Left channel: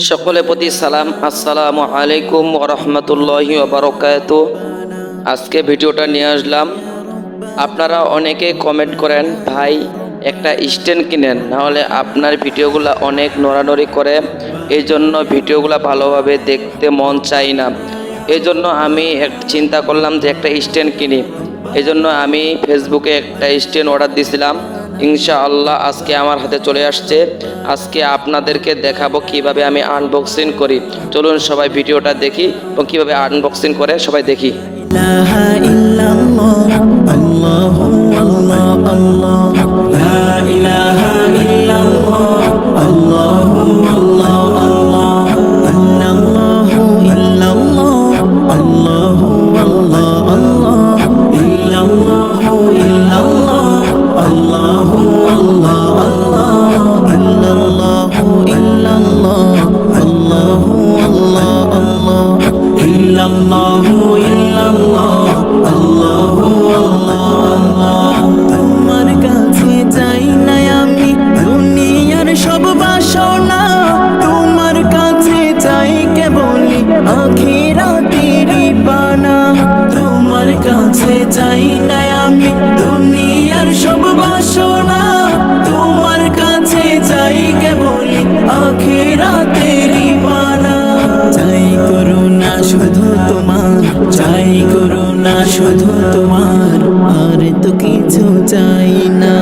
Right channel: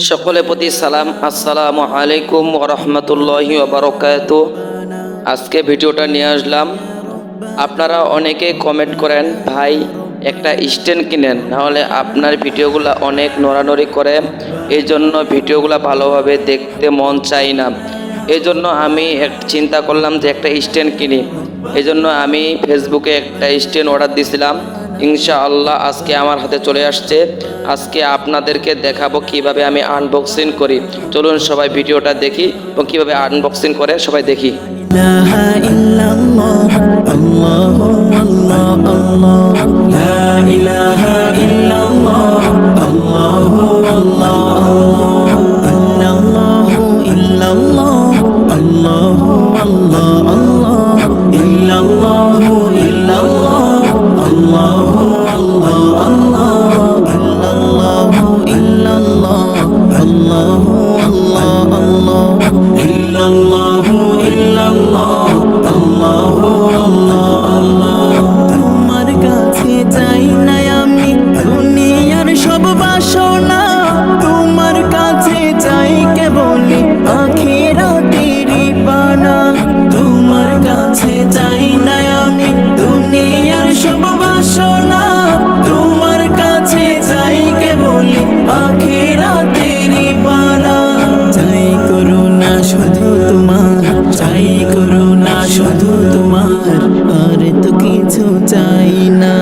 সকলের প্রতি সালাম, আসসালামু আলাইকুম ওয়া রাহমাতুল্লাহি ওয়া বারাকাতুহু। আজকে ভিডিওটা নিয়ে আসলাম। আপনারা অনেকে কমেন্ট করেন, ভাই একটা স্ট্যান্ড কিনেন, নাহলে আপনার ভিডিওগুলো অনেক নড়ানড়ি করে, এই জন্য ভিডিওগুলো ভালোভাবে দেখতে মন চাই না। এই জন্য আমি চিন্তা করলাম যে একটা স্ট্যান্ড কিনি। এই জন্য আমি ফেসবুকে একটা স্ট্যান্ড অর্ডার দিয়েছিলাম। ইনশাআল্লাহ আজকে আমার হাতে চলে আসছে। আজকে আপনাদেরকে দেখাবো কিভাবে আমি আনবক্সিং করি। চলুন সবাই ভিডিওটা দেখি এবং কিভাবে আনবক্সিং করে সবাই দেখি। ইলাহা ইল্লাল্লাহ আল্লাহু আল্লাহ আল্লাহ লা ইলাহা ইল্লাল্লাহ আল্লাহু আল্লাহ ইল্লাল্লাহু ইল্লাল্লাহ আল্লাহু আল্লাহ আল্লাহ ইল্লাল্লাহু ইল্লাল্লাহ আল্লাহু আল্লাহ আল্লাহ ইল্লাল্লাহু ইল্লাল্লাহ আল্লাহু আল্লাহ আল্লাহ ইল্লাল্লাহু তোমার কাছে চাই না আমি দুনিয়ার সব বাসনা, তোমার কাছে চাই কেবলি আখিরাতেরই পানা। তোমার কাছে চাই না আমি দুনিয়ার সব বাসনা, তোমার কাছে চাই কেবলি আখিরাতেরই পানা। চাই করুণা শুধু তোমার, চাই করুণা শুধু তোমার, আর তো কিছু চাই না।